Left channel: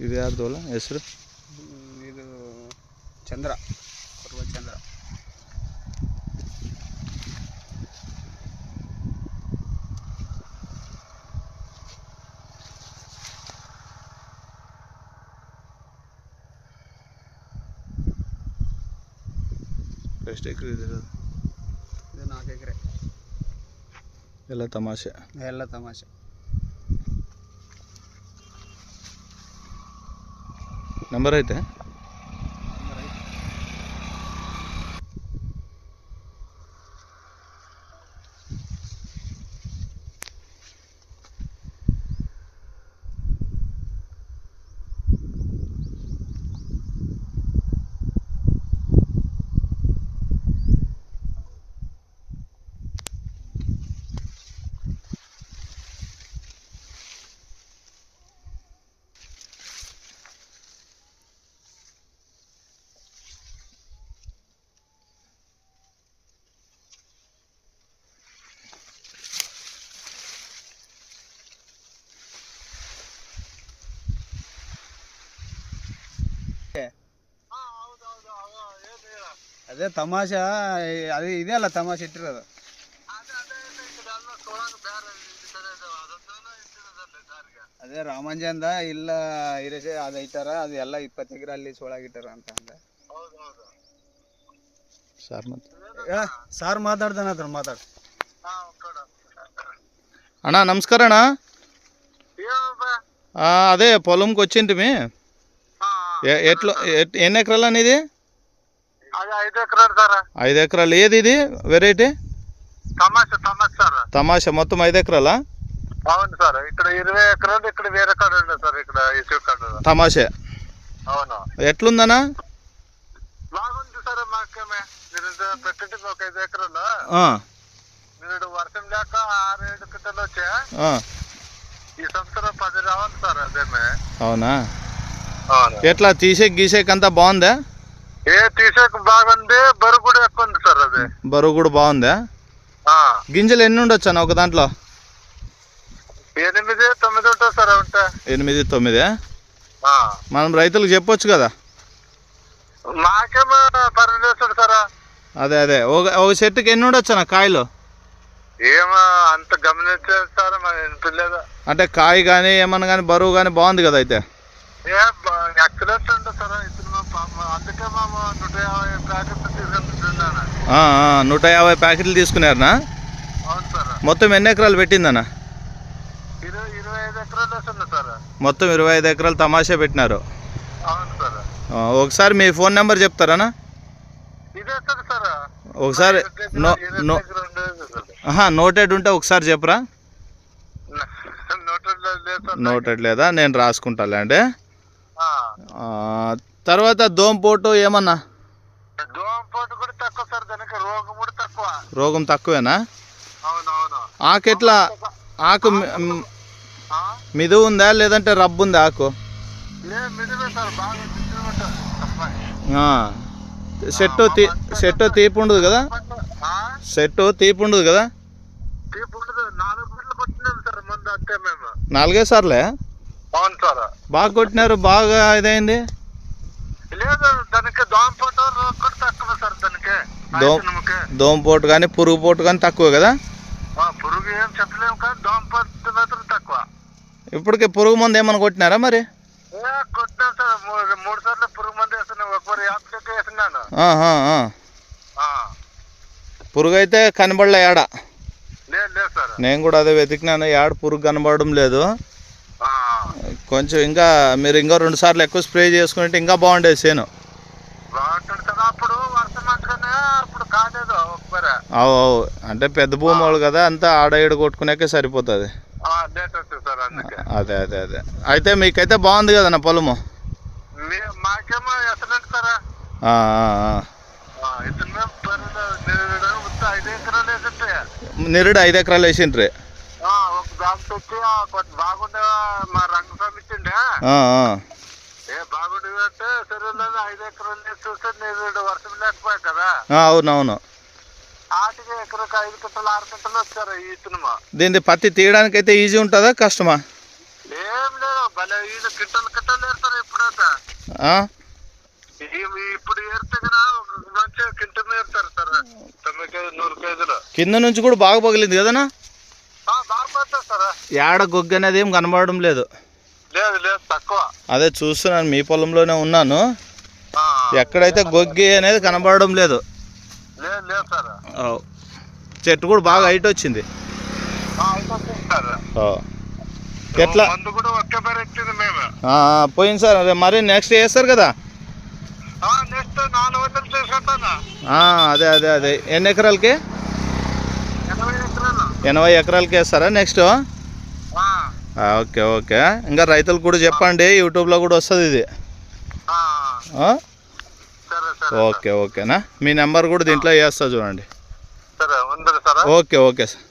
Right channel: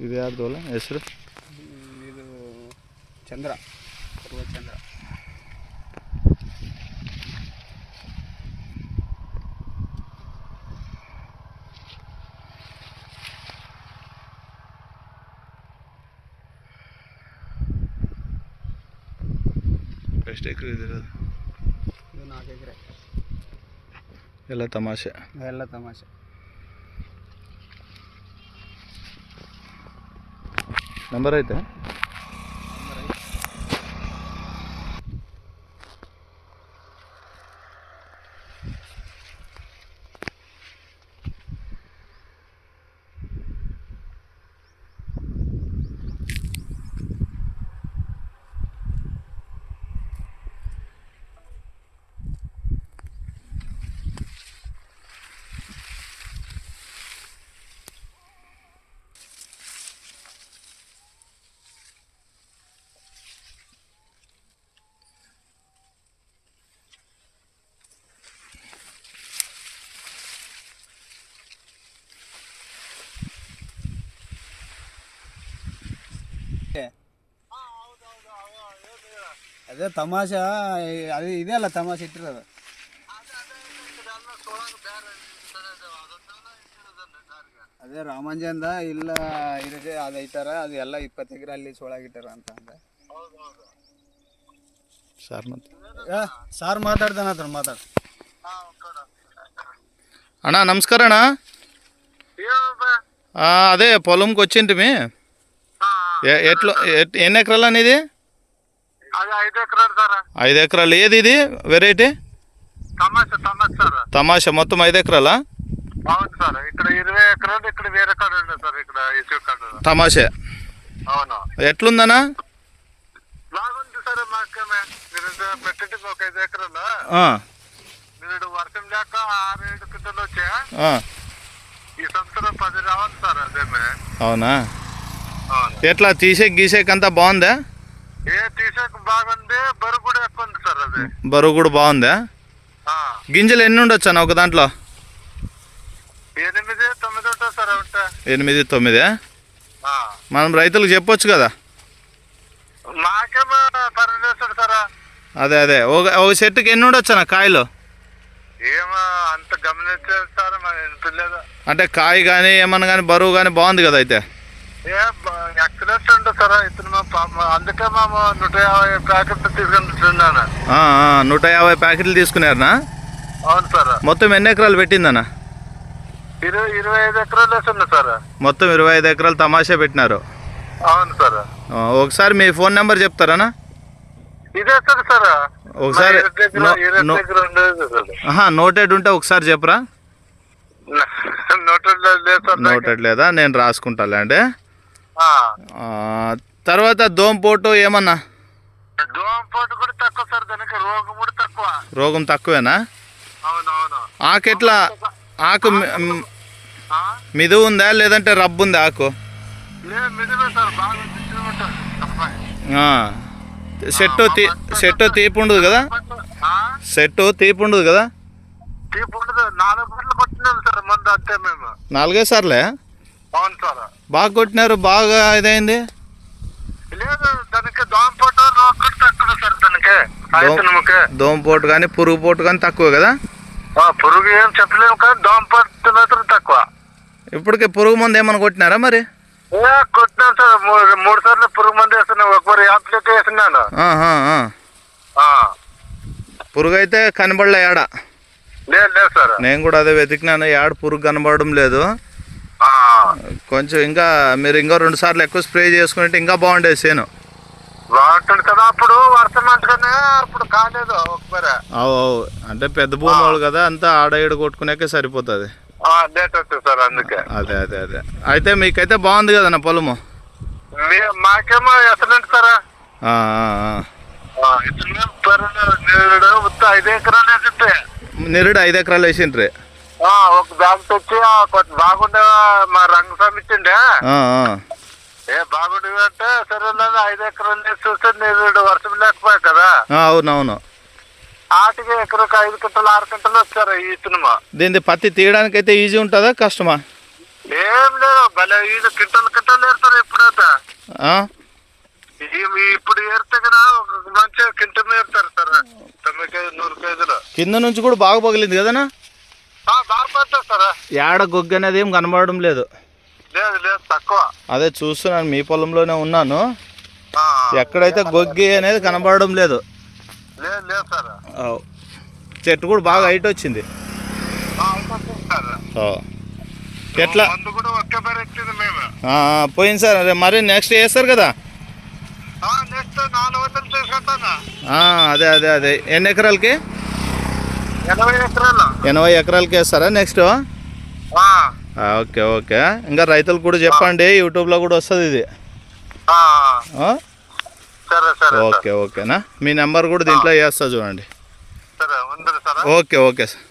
ಇದು ಯಾರ್ದು ಅಲ್ಲ? ಹೆಸರು? ಇದು ಚಂದ್ರ ಪರ್ವ ಚಂದ್ರ. ಎಷ್ಟು ಎಕರೆ ಇದೆ ಇದು? ಇದು ನಾಲ್ಕು ಎಕರೆ. ಎಲ್ಲ ತಮಾಷೆ. ಎಲ್ಲ ತಮಾಷೆ. నెంబర్ అయితే ಅದೇ ತಮಾಷೆ ಅದು ಇದೆ ಅಲ್ಲ ತಮಾಷೆ ಇಟ್ಟಿರೋದು. ಅದೇ ರಾಮಂಜಂದ ಇಲ್ಲ ಇರಿಸಿ ಅದು ಐತಾರ ಅದು ಎಲ್ಲ ಇಪ್ಪತ್ತು ಎಕರೆ ಅಲ್ಲಿ ಸೋಳಾಗಿಟ್ಟಾರ ಅಂತ ಅಂದೆ. ಸಾರ್ ಮತ್ತೆ? ಸಾರ್ ಮಾತಾಡ್ದಾನ ಅದ್ರ ಮಾತಾಡ. అన్న నమస్కారం అన్న అదే పొలంకి ಎಟ್ಲು ಎಟ್ ఎన్ని ఎకరాలు అనేది ఐదు ఎకరాలు సార్. ఐదు ఎకరాలు. ఏది ఇది? వెరైటీ తమాషా మొత్తం ఐదు ఎకరాలా? అవును సార్. ఇక్కడ ఇరవై ఎకరాలు ఇక్కడ వేరే కాడ సార్. ఇక్కడ తమాషా. అవును. ఎట్లుందన్నా? బాగుంది సార్ మాకు మీరు పెట్టండి ఒక ఐదు ఎకరాలు? మీరు వర్షం లేక ఆరు ఏడు కింటలు వచ్చా. ఆ, ఈ సంవత్సరం పది రావాలి సార్ అదేమే. అవునా? అవును. ఎట్లా? తీసే గీసేకి అంతా బాగుందా? ఏ తీసేక బాగుంది బరువు కూడా ఎక్కువ ఉంది సార్ అది. బరువు కూడా బాగుందా? గింజలు ఎన్ని ఉండొచ్చు అన్న ఒక దాంట్లో? ఎనిమిది తొమ్మిది ఉంటుంది సార్ ఉంటా. ఎనిమిది తొమ్మిది? మనం రైతులకు చెప్పొచ్చు కదా? పర్లేదు సార్. అదే అదే. ఒక ఒక చెట్టుకి ఎన్ని ఉండొచ్చు అన్న కాయలు? ఏమో అంత గమనించేస్తారు అంటే కాయ కానీ ఏమన్నా కానీ బరువు కానీ బాగుంది కదా అయితే? ఉంటుంది సార్ ఇతను అందుకే మేము నూట యాభై ప్యాకెట్ తీసుకుంటున్నాను ఆ, ఆ, నూట యాభై ప్యాకెట్లు తీసుకున్నారనా? అవును సార్. మొత్తం ఎన్ని ఎకరాలు పెట్టిందన్న? ఇరవై ఇరవై ఐదు ఎకరాలు సార్. మొత్తం ఇరవై ఐదు ఎకరాలు తమాషా పెట్టినారు. అవును సార్. ఒకసారి మీ ఫోన్ నెంబర్ చెప్తారనా? ఇదే సార్ సార్. ఒకసారి నోటెడ్ ఉంటే ఒకసారి చెప్పరా. నోటెడ్ లేదా నేను రాసుకుంటాలే. ఆ, తర్వాత దోమపోటు ఏమన్నా? కూడా తక్కువ సార్ దానికి రోగం కూడా తక్కువ. రోగం తక్కువేనా? ఆకెట్లా ఆకు? మిదు ఉందా లేదంటే రబ్బు ఉందా ఆకు? చెట్టు తీ చెట్టు తీపి ఉండదు కదా? ఆ? చెట్టు తీపి ఉండదు కదా? నాలుగే సార్లే? అవును సార్. బాగా కొట్టినారు బాగా ఇదైంది? లేదు దానికి దోమపాటు తక్కువ సార్ దానికి. దోమపోటు కానీ పురుగు పోటు కానీ తక్కువ కదా? ఆ, పురుగు ఏం చెప్పలేము కానీ దోమపాటు మాత్రం తక్కువ. ఇప్పటికే పురుగు మందు ఏమైనా కొట్టినారా మరి? ఏ కొట్టినాను సార్. మూడు సార్లు పురుగు మంది వేస్తున్నాను ఒకసారి యాప్లెట్ వేస్తున్నాను. పురుగు అయితే కనబడలే ఏడ లేదు లేదు సార్. నేను కూడా అదే వెతికినాను. ఏడ పురుగు కనబడడం లేదు. కొంచెం ఇంకా మీరు ఇంకా రెండు సార్లు ఎక్కువ స్ప్రే చేసుకుంటే ఇంకా బాగుండేది చేను. బాగుంటుంది కదా అప్పుడు వర్షం అప్పుడు కాలేదు అవు అవు. అంటే పెద్ద భూమి వాళ్ళు కదా అంతా ఆడ ఈడ కొట్టుకునేకే సరిపోతుంది. ఆ, లేట్ అవుతుంది సార్ అందుకే. అదే అదే అదే. అయితే మీకైతే బాగుంది కదా నా పొలము మాకేమో ఎసలేంటి సార్. నేరుడు ఐదు ఎకరాలు వేసింటే నిరుడు ఐదు ఎకరాలు వేసిండ్రి. ఆ, ఒక బ్యాగ్ తెచ్చి కొంచెం బాగుండే మా ఆ, ఆ. ఏ బాగుండే అంటే సరే ఐదు ఎకరాలు వేసి చూస్తే నేరుడు వర్షం లేకపోయా కదా. అవునవును. ఆటికి ఎకరకు ఐదు గంటలు ఆరు గంటలు వచ్చారు ఈ సినిమా. దీన్ని పత్తి తీయడానికి అయితే ఈజీ ఉంటుందా కష్టమా? లేదు భలే ఇది కింటలు కింటలు ఏరుతారు ఈ- ఇప్పుడు ఏరితే కదా ఒక మంచిగా కింటలు ఏరుతారు సార్. తొమ్మిది కేజీ నూరు కేజీలు. కింద నుంచి కూడా బాగా పగిలింది కదనా ఆ, బాగా పడుతుంది సార్ ఏడ గొగ్గ అనేది ఏం కనబడడం లేదు. లేదు లేదు తక్కువ. అదే చూస్తున్నాను మీ పొలంలోనే ఉన్నాను. ఎక్కడైతే గొగ్గి అనేది కనబడడం లేదు. లేదు లేదు సార్. చెట్టు కూడా బాగా హైట్ వచ్చింది. ఎట్లా? పోయింది సార్. అదే మరి నెక్స్ట్ వేస్తారు కదా? అదే అదే అదే. ఎన్ని ఎకరాలకి? ఎనభై ఎకరాలు? ఎనభై ఎకరాలకి వేస్తారా నెక్స్ట్ ఓకే ఓకే. ఇంకా రైతులకు కూడా చెప్పండి యూట్యూబ్లో కూడా వస్తుంది ఇది. ఓకే ఓకేనా? మీ నెంబర్ కూడా దీంట్లో వేస్తా చూడండి. Okay okay sir.